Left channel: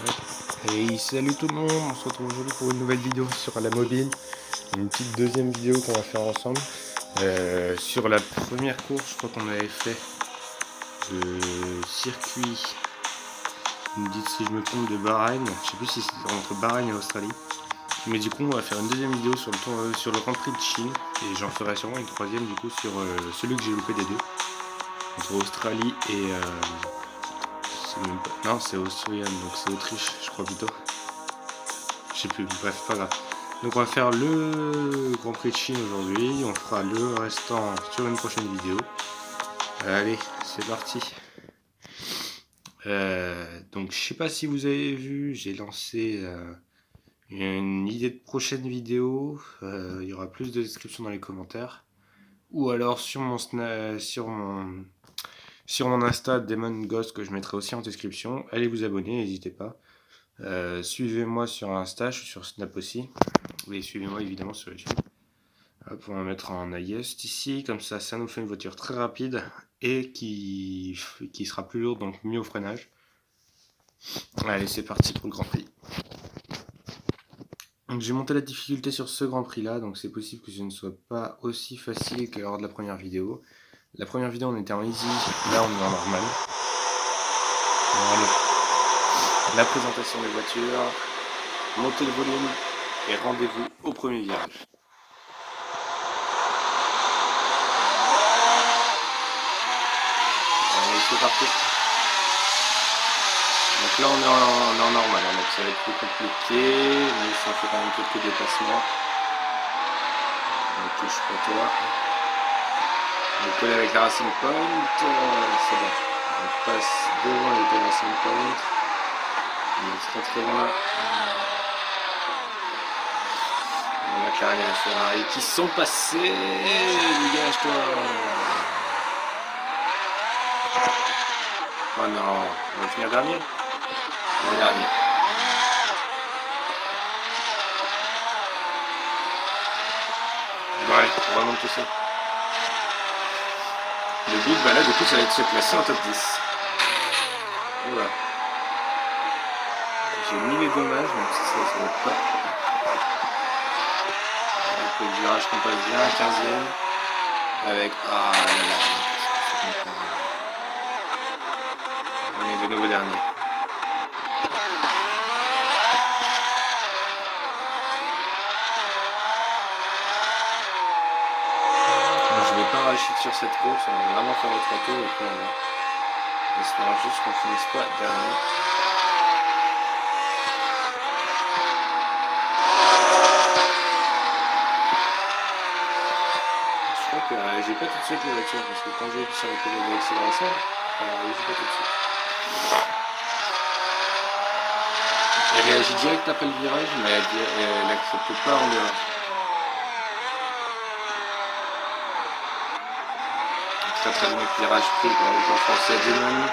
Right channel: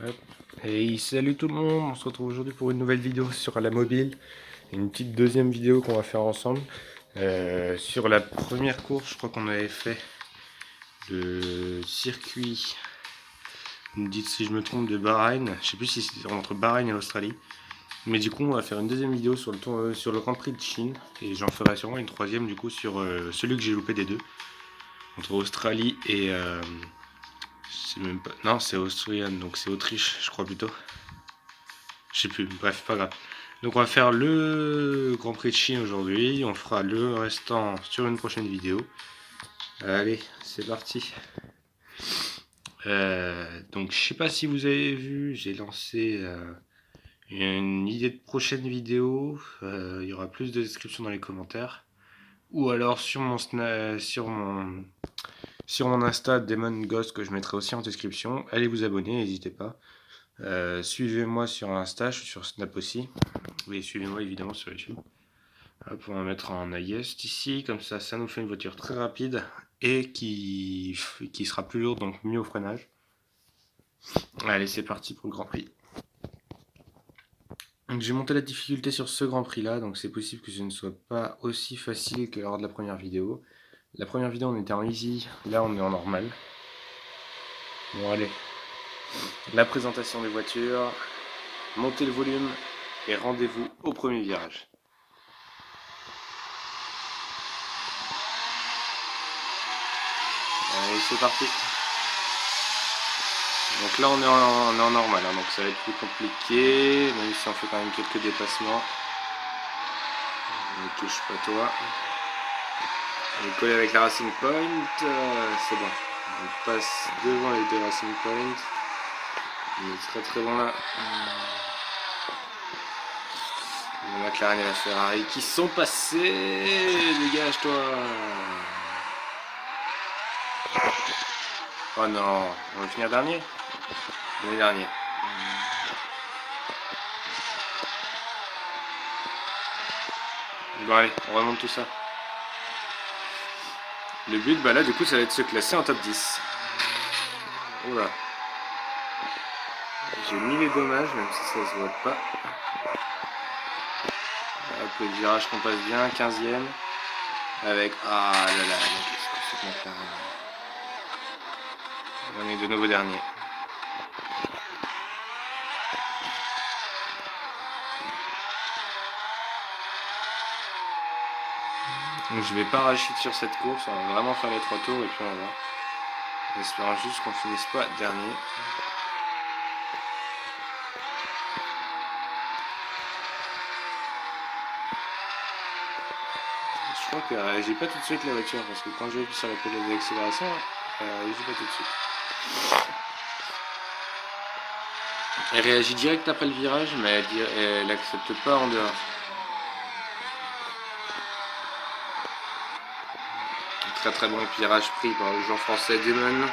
Ouais. Et salut tout le monde, on se retrouve aujourd'hui pour une nouvelle vidéo sur la mobile, une petite deuxième vidéo qu'on va faire ensemble. Sur la première course, je crois qu'on avait fait le circuit, vous me dites si je me trompe, de Bahreïn, je sais plus si c'est entre Bahreïn et Australie. Mais du coup on va faire une deuxième vidéo sur sur le Grand Prix de Chine, et j'en ferai sûrement une troisième du coup sur celui que j'ai loupé des deux, entre Australie et... c'est même pas... Non, c'est Austrian, donc c'est Autriche je crois plutôt. Je sais plus, bref, pas grave. Donc on va faire le Grand Prix de Chine aujourd'hui, on fera le restant sur une prochaine vidéo. Allez, c'est parti. Donc je sais pas si vous avez vu, j'ai lancé une idée de prochaine vidéo. Il y aura plus de descriptions dans les commentaires. Ou alors sur mon Insta Demon Ghost que je mettrai aussi en description. Allez vous abonner, n'hésitez pas. Suivez-moi sur Insta, je suis sur Snap aussi. Et suivez-moi évidemment sur YouTube. Hop, on va mettre en highest ici, comme ça nous fait une voiture très rapide et qui sera plus lourde, donc mieux au freinage. Allez, c'est parti pour le Grand Prix. Donc j'ai monté la difficulté sur ce Grand Prix là, donc c'est possible que ce ne soit pas aussi facile que lors de la première vidéo. La première vidéo on était en easy, là on est en normal. Bon allez, la présentation des voitures, montez le volume et rendez-vous au premier virage. Allez, c'est parti. Donc là on est en normal, hein, donc ça va être plus compliqué, même si on fait quand même quelques dépassements. Ne touche pas toi. On est collé avec la Racing Point, c'est bon. On passe devant les deux Racing Point. On est très très bon là. La McLaren et la Ferrari qui sont passés. Dégage-toi. Oh non, on va finir dernier. On est dernier. Bon allez, on remonte tout ça. Le but, bah là du coup ça va être de se classer en top 10. Oula. J'ai mis les dommages, même si ça se voit pas. Avec le virage qu'on passe bien, 15ème. Avec... Ah là là, qu'est-ce que c'est qu'on fait. On est de nouveau dernier. Donc, je vais pas racheter sur cette course, on va vraiment faire les 3 tours et puis on va. J'espère juste qu'on finisse pas dernier. Je crois qu'elle réagit pas tout de suite la voiture, parce que quand j'ai vu sur la pédale d'accélération, elle réagit pas tout de suite. Elle réagit direct après le virage, mais elle accepte pas en dehors. Très très bon virage pris par le joueur français Demon.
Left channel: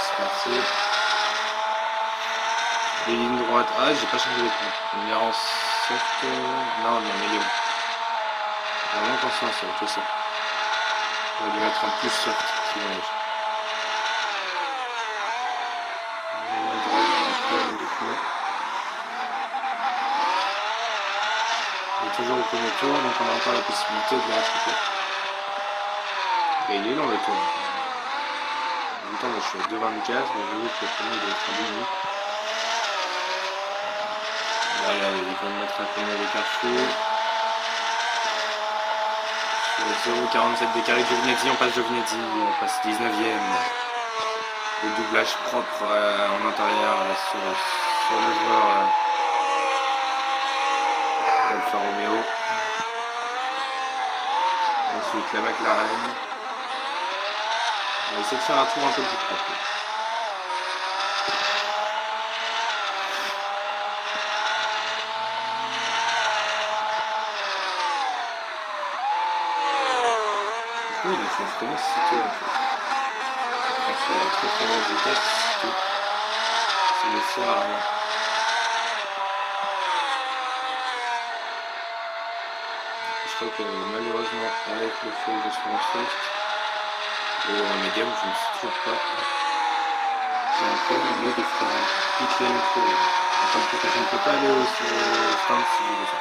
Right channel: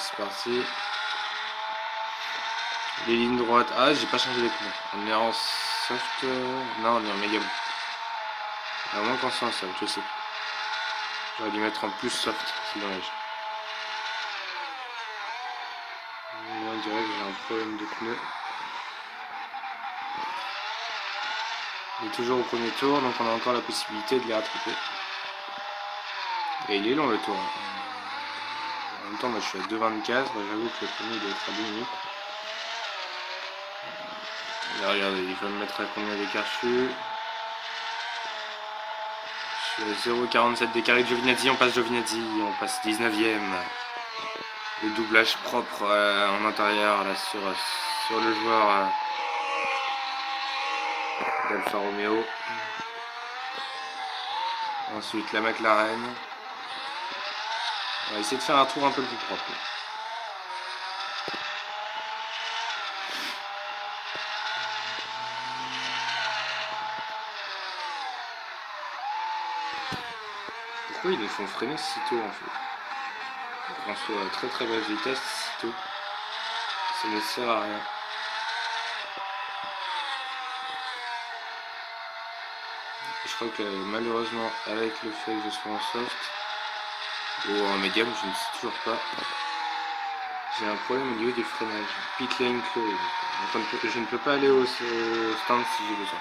C'est parti. Les lignes droites. Ah, j'ai pas changé les pneus. On est en soft. Non, on est en médium. À moins qu'on soit en soft, je sais. On va dû mettre en plus soft, si dommage. Ligne droite, j'ai un problème de pneus. Il est toujours au premier tour, donc on a encore la possibilité de les rattraper. Et il est long le tour. En même temps, moi je suis à 2,24, mais j'avoue que le premier il doit être à 2 minutes. Là, regardez, il va me mettre à combien d'écart je suis. Je suis à 0,47 d'écart avec Giovinazzi, on passe Giovinazzi, on passe 19ème. Le doublage propre en intérieur là, sur le joueur d'Alfa Romeo. Ensuite la McLaren. On va essayer de faire un tour un peu plus propre. Pourquoi ils nous font freiner si tôt en fait? On se fait à très très basse vitesse si tôt. Ça ne sert à rien. crois que malheureusement, avec le fait que je sois en soft ou en médium, je ne sais toujours pas. J'ai un problème au niveau des freinages. Pit lane close. Je ne peux pas aller au stand si je veux ça.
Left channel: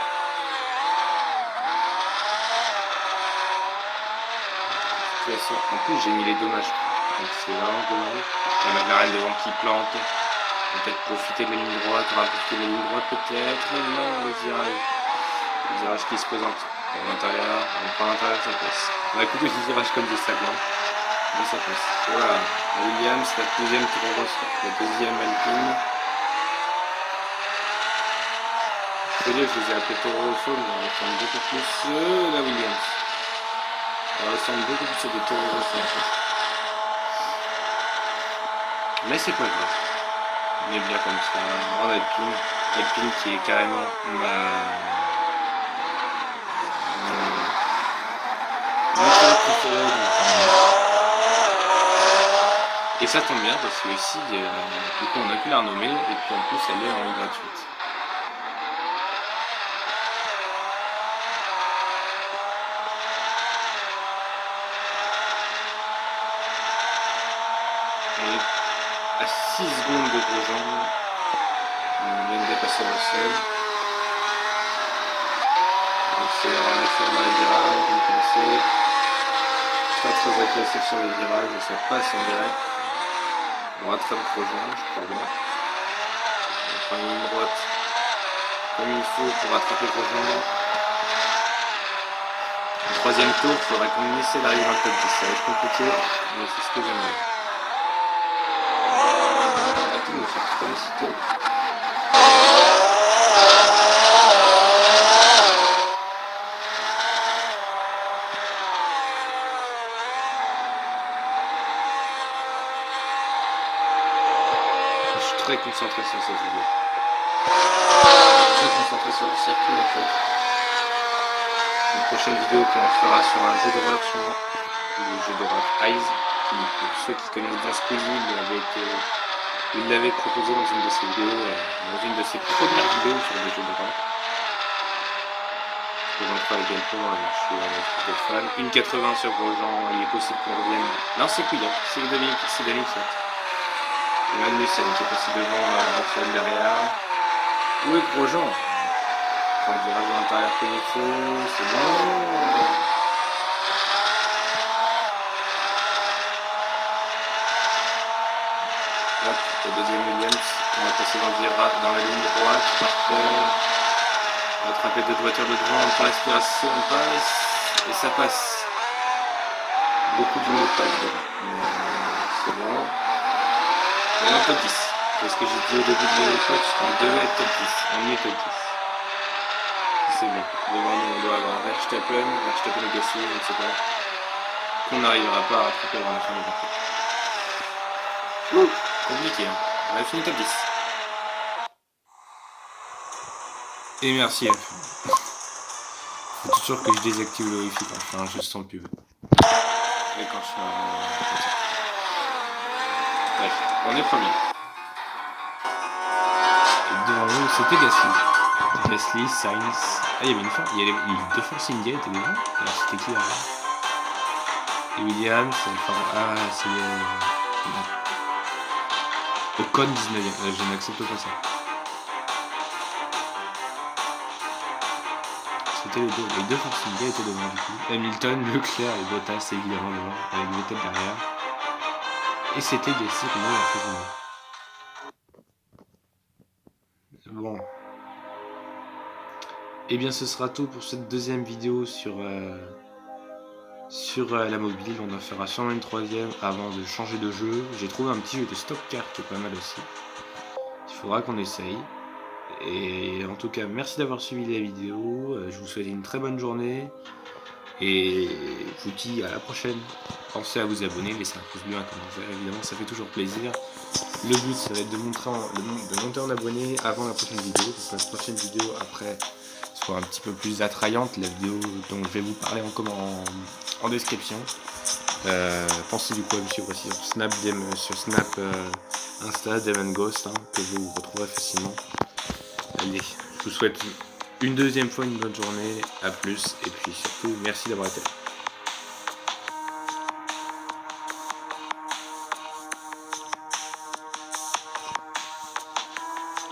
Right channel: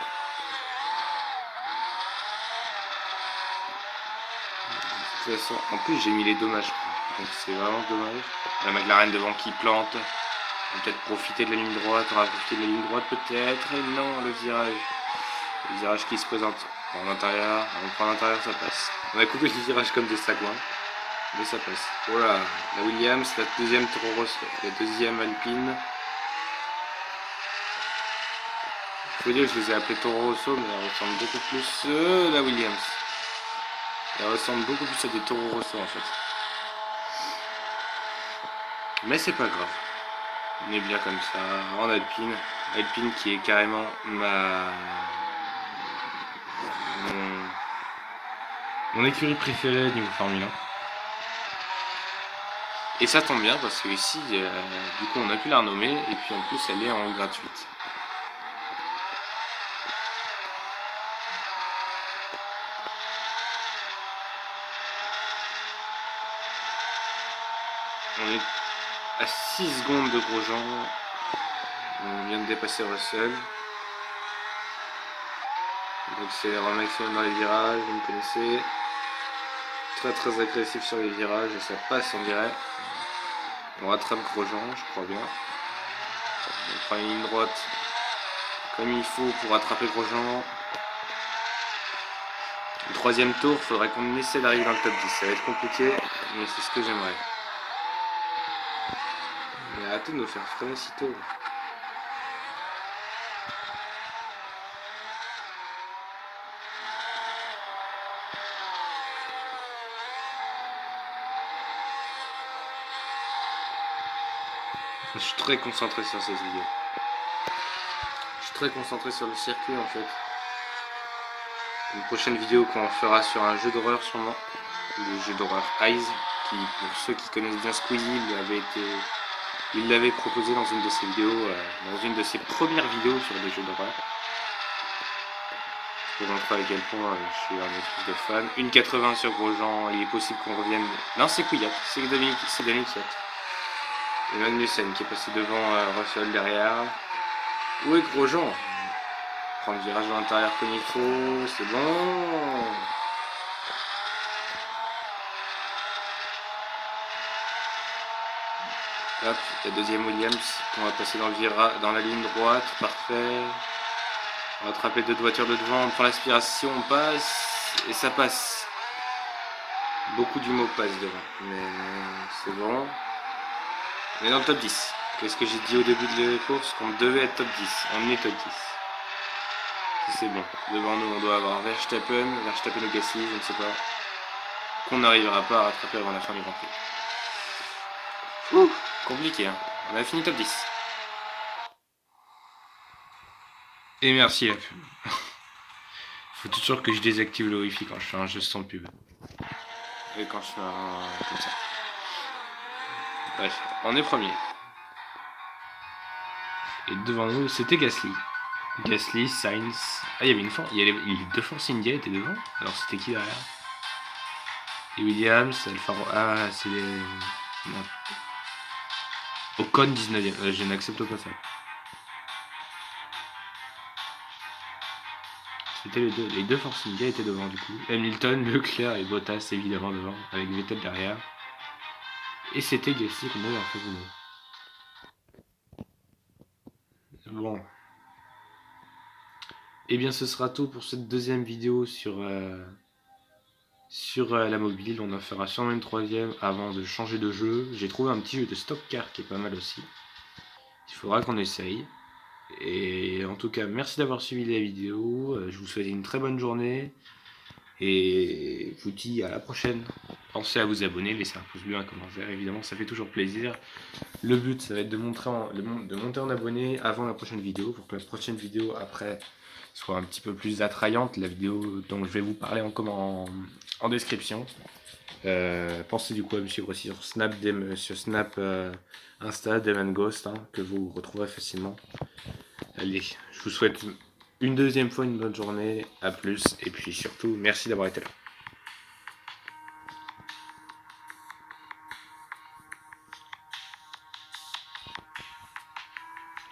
De toute façon, en plus j'ai mis les dommages. Donc c'est vraiment dommage. La McLaren devant qui plante. Peut-être profiter de la ligne droite, on va profiter de la ligne droite peut-être. Et non, le virage. Le virage qui se présente. En l'intérieur, on prend l'intérieur, ça passe. On a coupé ce virage comme des sagouins. Mais ça passe. Voilà, la Williams, la deuxième Alpine. Je peux dire que je les ai appelés Toro Rosso, mais elle ressemble beaucoup plus la Williams. Elle ressemble beaucoup plus à des Toro Rosso en fait. Mais c'est pas grave. On est bien comme ça, en Alpine. Alpine qui est carrément mon écurie préférée d'une Formule 1. Et ça tombe bien parce que ici, du coup, on a pu la renommer et puis en plus, elle est en gratuite. On est à 6 secondes de Grosjean. On vient de dépasser Russell. Donc c'est en action dans les virages, vous connaissez. Très agressif sur les virages et ça passe on dirait. On rattrape Grosjean, je crois bien. On prend une ligne droite comme il faut pour rattraper Grosjean. Le troisième tour, il faudrait qu'on essaie d'arriver dans le top 10. Ça va être compliqué, mais c'est ce que j'aimerais. Arrêtez de me faire féliciter. Je suis très concentré sur cette vidéo. Très concentré sur le circuit en fait. Une prochaine vidéo qu'on fera sur un jeu d'horreur sûrement. Le jeu d'horreur Eyes, qui pour ceux qui connaissent bien Squeezie, il l'avait proposé dans une de ses vidéos, dans une de ses premières vidéos sur des jeux d'horreur. Pour montrer à quel point je suis un espèce de fan. 1,80 sur Grosjean, il est possible qu'on revienne. Non, c'est Couillac, c'est Dominique Fiat. Et Magnussen qui est passé devant Russell derrière. Où est Grosjean? Prend le virage à l'intérieur comme il faut, c'est bon. Hop, la deuxième Williams, on va passer dans la ligne droite, parfait. On va attraper deux voitures de devant, on prend l'aspiration, on passe, et ça passe. Beaucoup du mot passe devant, mais c'est bon. On est dans le top 10. Qu'est-ce que j'ai dit au début de la course? On devait être top 10, on est top 10. C'est bon, devant nous on doit avoir Verstappen ou Gasly, je ne sais pas. Qu'on n'arrivera pas à rattraper avant la fin du Grand Prix. Compliqué, hein. On a fini top 10. Et merci à pub. Faut toujours que je désactive le wifi quand je fais un jeu sans pub. Et quand je fais un... comme ça. Bref, on est premier. Et devant nous, c'était Gasly. Gasly, Sainz... Ah, il y avait une fois... Il y avait deux Force India étaient devant. Alors c'était qui derrière? Et Williams, Alfa... Ah, c'est les... Ocon 19ème. Je n'accepte pas ça. C'était les deux Force India étaient devant du coup. Hamilton, Leclerc et Bottas évidemment devant, avec Vettel derrière. Et c'était Gasly qu'on avait en face de nous. Bon. Et bien ce sera tout pour cette deuxième vidéo sur la mobile. On en fera sûrement une troisième avant de changer de jeu. J'ai trouvé un petit jeu de stock car qui est pas mal aussi. Il faudra qu'on essaye. Et en tout cas, merci d'avoir suivi la vidéo. Je vous souhaite une très bonne journée. Et je vous dis à la prochaine. Pensez à vous abonner, laissez un pouce bleu, un commentaire. Évidemment, ça fait toujours plaisir. Le but, ça va être de monter en abonnés avant la prochaine vidéo. Pour que la prochaine vidéo après soit un petit peu plus attrayante. La vidéo dont je vais vous parler en description. Pensez du coup à me suivre aussi sur Snap, Insta, Dem & Ghost, que vous retrouverez facilement. Allez, je vous souhaite une deuxième fois une bonne journée, à plus, et puis surtout merci d'avoir été là.